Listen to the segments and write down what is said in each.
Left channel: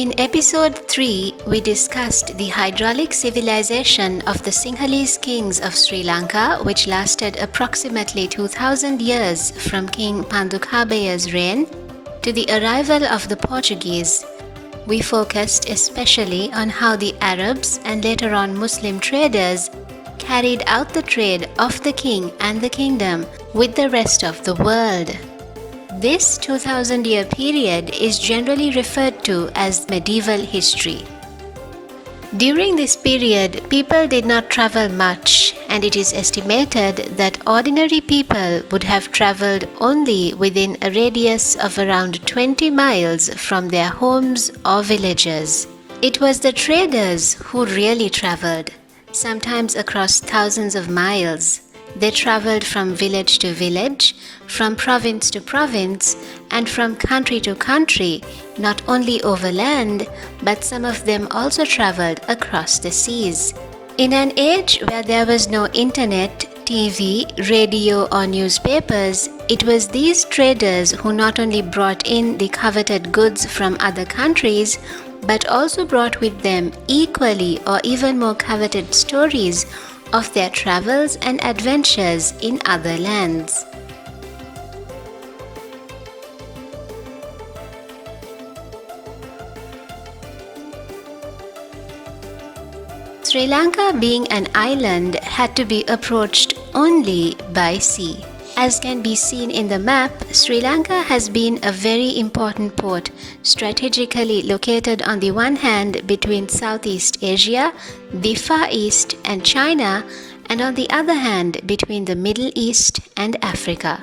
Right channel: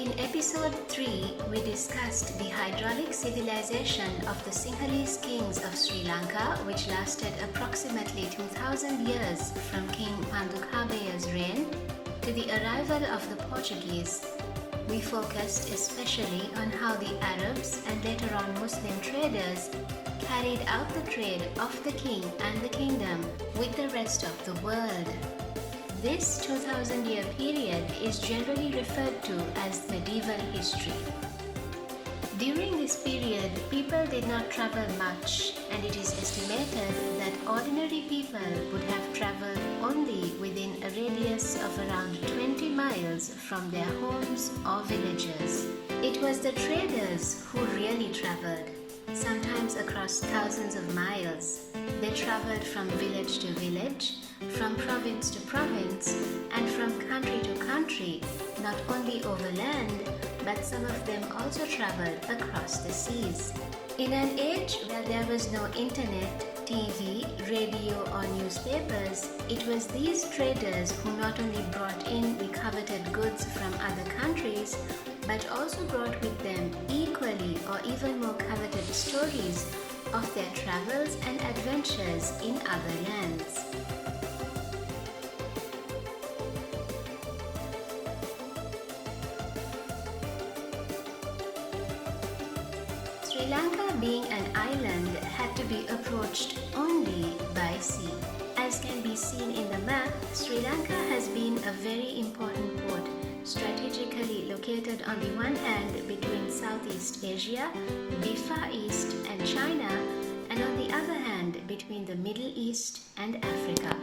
In episode 3, we discussed the hydraulic civilization of the Sinhalese kings of Sri Lanka, which lasted approximately 2000 years from King Pandukhabaya's reign to the arrival of the Portuguese. We focused especially on how the Arabs and later on Muslim traders carried out the trade of the king and the kingdom with the rest of the world. This 2000-year period is generally referred to as medieval history. During this period, people did not travel much, and it is estimated that ordinary people would have traveled only within a radius of around 20 miles from their homes or villages. It was the traders who really traveled, sometimes across thousands of miles. They traveled from village to village, from province to province, and from country to country, not only overland, but some of them also traveled across the seas. In an age where there was no internet, TV, radio, or newspapers, it was these traders who not only brought in the coveted goods from other countries, but also brought with them equally or even more coveted stories of their travels and adventures in other lands. Sri Lanka, being an island, had to be approached only by sea. As can be seen in the map, Sri Lanka has been a very important port, strategically located on the one hand between Southeast Asia, the Far East, and China, and on the other hand between the Middle East and Africa.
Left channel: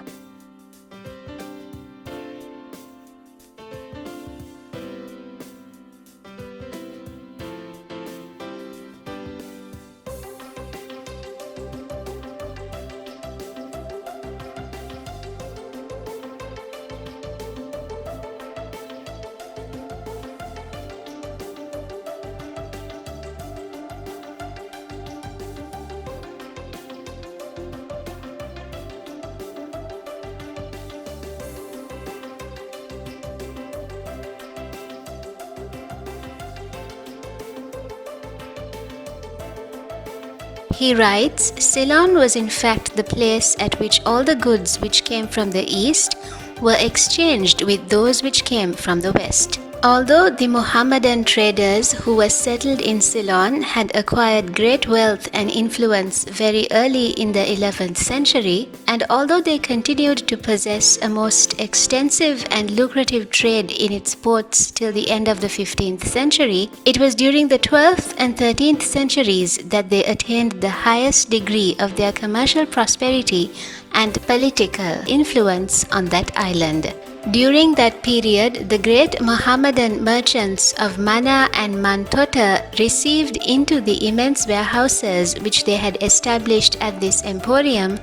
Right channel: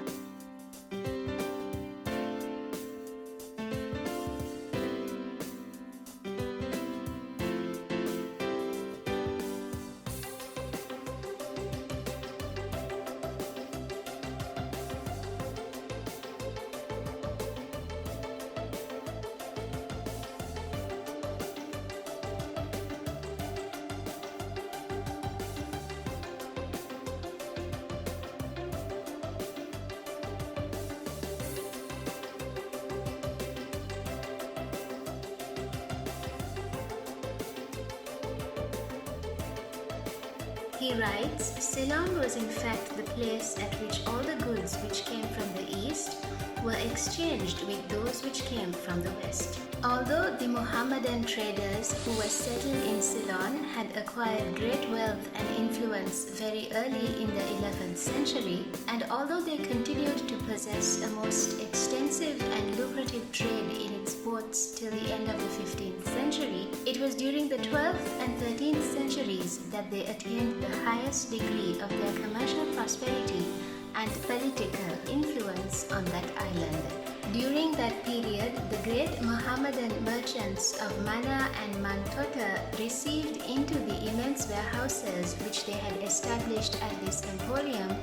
He writes, Ceylon was in fact the place at which all the goods which came from the east were exchanged with those which came from the west. Although the Mohammedan traders who were settled in Ceylon had acquired great wealth and influence very early in the 11th century, and although they continued to possess a most extensive and lucrative trade in its ports till the end of the 15th century, it was during the 12th and 13th centuries that they attained the highest degree of their commercial prosperity and political influence on that island. During that period, the great Mohammedan merchants of Mana and Mantota received into the immense warehouses which they had established at this emporium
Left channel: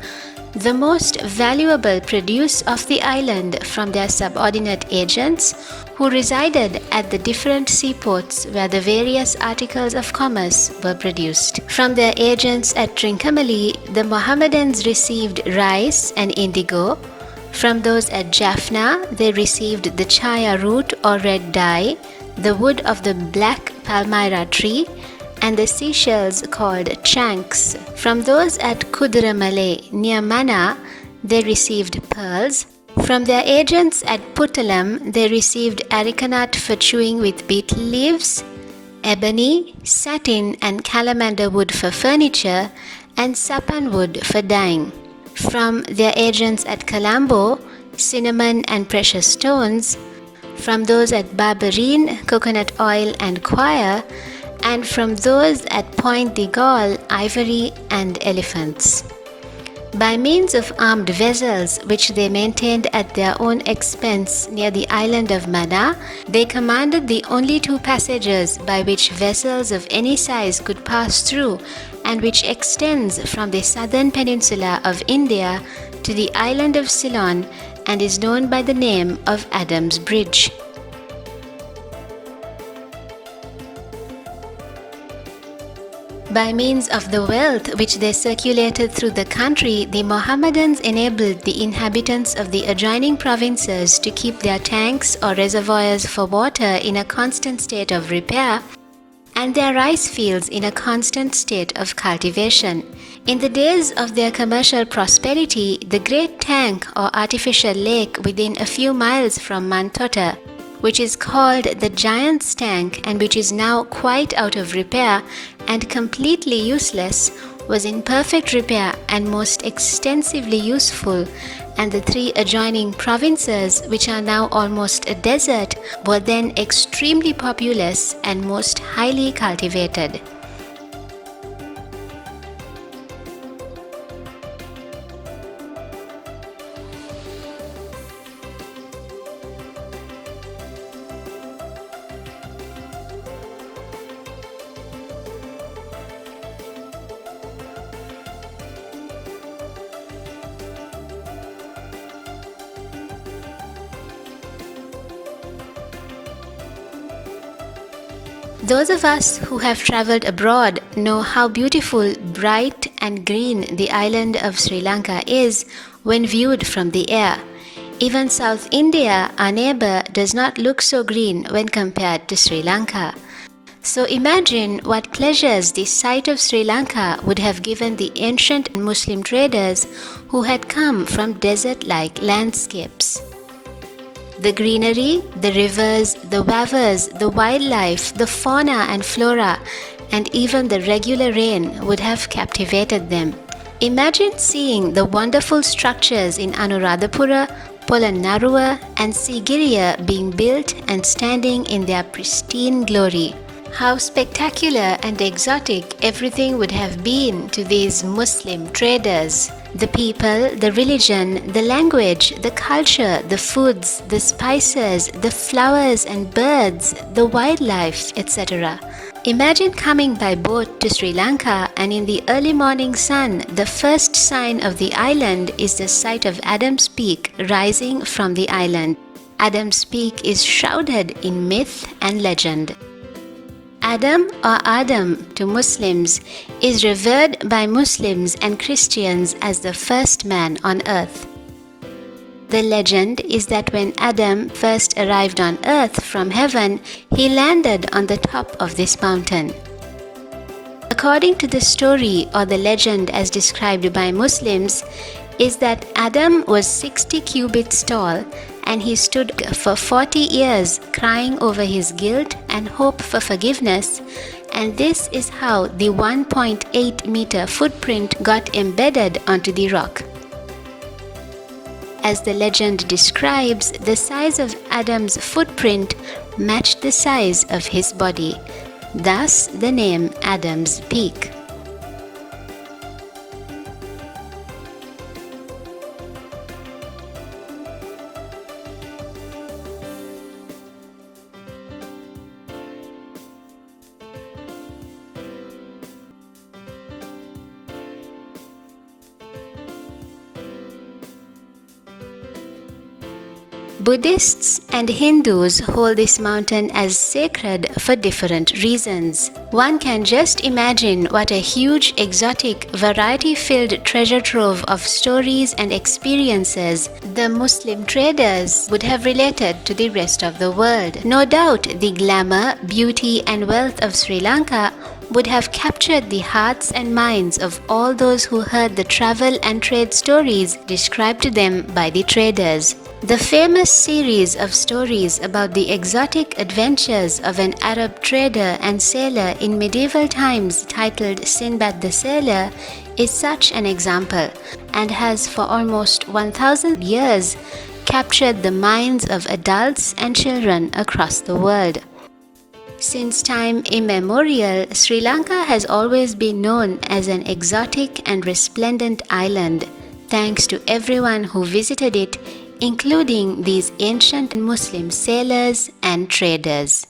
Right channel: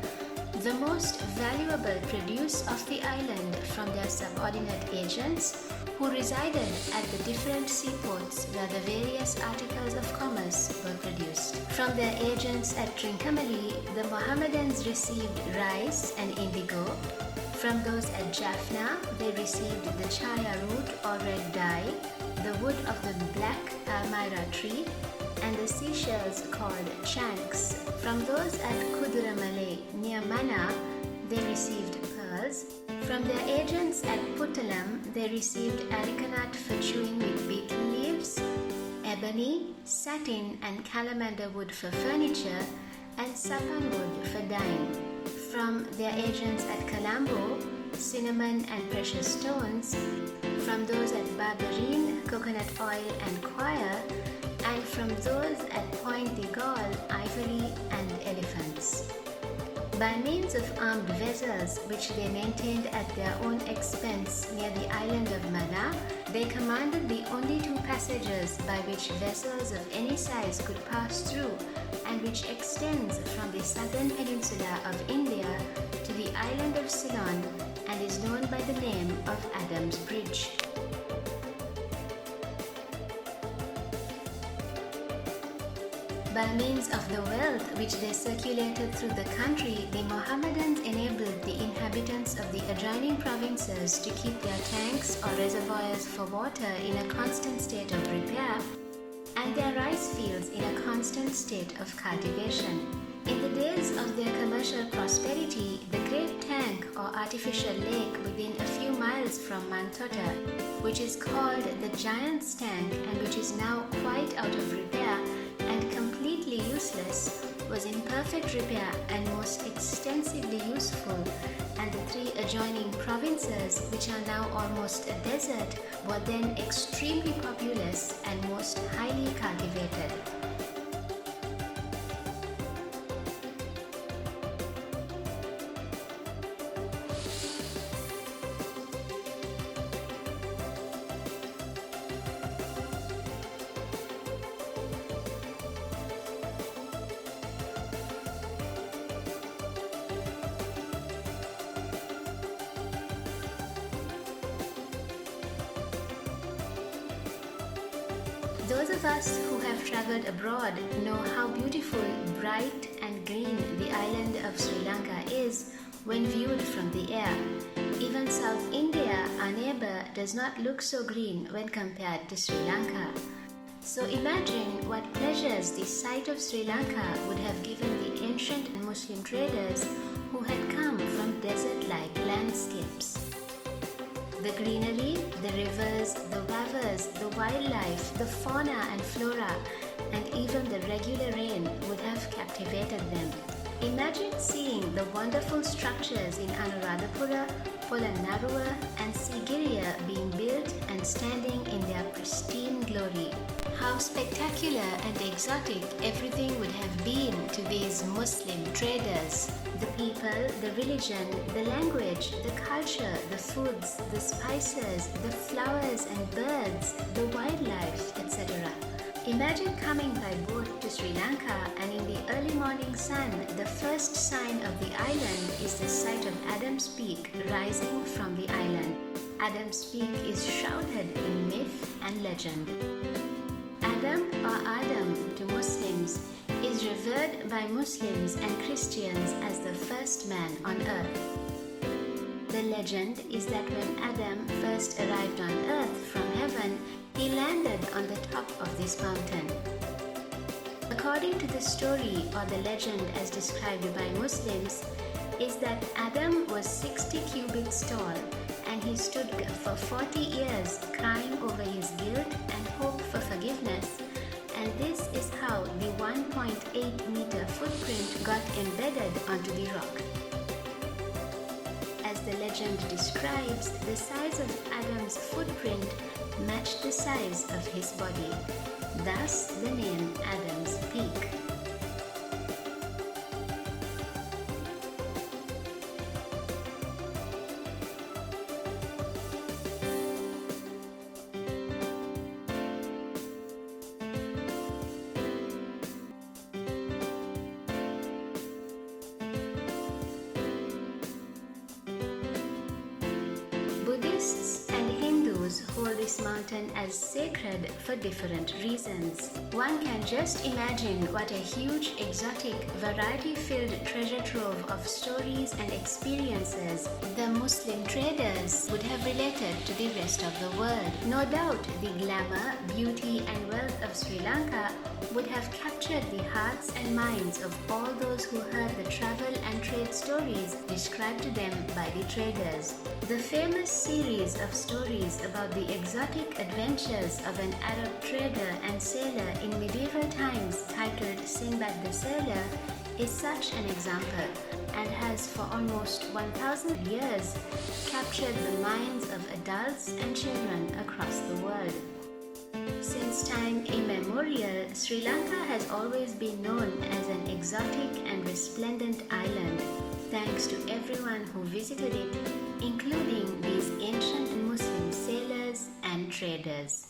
the most valuable produce of the island from their subordinate agents who resided at the different seaports where the various articles of commerce were produced. From their agents at Trincomalee, the Mohammedans received rice and indigo. From those at Jaffna, they received the chaya root or red dye, the wood of the black palmyra tree, and the seashells called chanks. From those at Kuduramale near Mana, they received pearls. From their agents at Puttalam, they received arecanut for chewing with betel leaves, ebony, satin, and calamander wood for furniture, and sapan wood for dyeing. From their agents at Colombo, cinnamon and precious stones. From those at Barberine, coconut oil and coir, and from those at Point de Galle, ivory and elephants. By means of armed vessels which they maintained at their own expense near the island of Mana, they commanded the only two passages by which vessels of any size could pass through, and which extends from the southern peninsula of India to the island of Ceylon and is known by the name of Adam's Bridge. By means of the wealth which they circulated through the country, the Mohammedans enabled the inhabitants of the adjoining provinces to keep their tanks or reservoirs for water in a constant state of repair and their rice fields in a constant state of cultivation. In the days of their commercial prosperity, the great tank or artificial lake within a few miles from Mantota, which is called the Giant's Tank and which is now quite out of repair and completely useless, was in perfect repair and most extensively useful, and the 3 adjoining provinces, which are now almost a desert, were then extremely populous and most highly cultivated. Those of us who have traveled abroad know how beautiful, bright and green the island of Sri Lanka is when viewed from the air. Even South India, our neighbor, does not look so green when compared to Sri Lanka. So imagine what pleasures the sight of Sri Lanka would have given the ancient Muslim traders who had come from desert-like landscapes. The greenery, the rivers, the wavers, the wildlife, the fauna and flora, and even the regular rain would have captivated them. Imagine seeing the wonderful structures in Anuradhapura, Polonnaruwa, and Sigiriya being built and standing in their pristine glory. How spectacular and exotic everything would have been to these Muslim traders. The people, the religion, the language, the culture, the foods, the spices, the flowers and birds, the wildlife, etc. Imagine coming by boat to Sri Lanka and in the early morning sun, the first sign of the island is the sight of Adam's Peak rising from the island. Adam's Peak is shrouded in myth and legend. Adam or Adam to Muslims is revered by Muslims and Christians as the first man on earth. The legend is that when Adam first arrived on earth from heaven, he landed on the top of this mountain. According to the story or the legend as described by Muslims, is that Adam was 60 cubits tall and he stood for 40 years crying over his guilt and hope for forgiveness, and this is how the 1.8 meter footprint got embedded onto the rock. As the legend describes, the size of Adam's footprint matched the size of his body, thus the name Adam's Peak. Buddhists and Hindus hold this mountain as sacred for different reasons. One can just imagine what a huge, exotic, variety-filled treasure trove of stories and experiences the Muslim traders would have related to the rest of the world. No doubt the glamour, beauty and wealth of Sri Lanka would have captured the hearts and minds of all those who heard the travel and trade stories described to them by the traders. The famous series of stories about the exotic adventures of an Arab trader and sailor in medieval times titled Sinbad the Sailor is such an example and has for almost 1,000 years captured the minds of adults and children across the world. Since time immemorial, Sri Lanka has always been known as an exotic and resplendent island, thanks to everyone who visited it, including these ancient Muslim sailors and traders.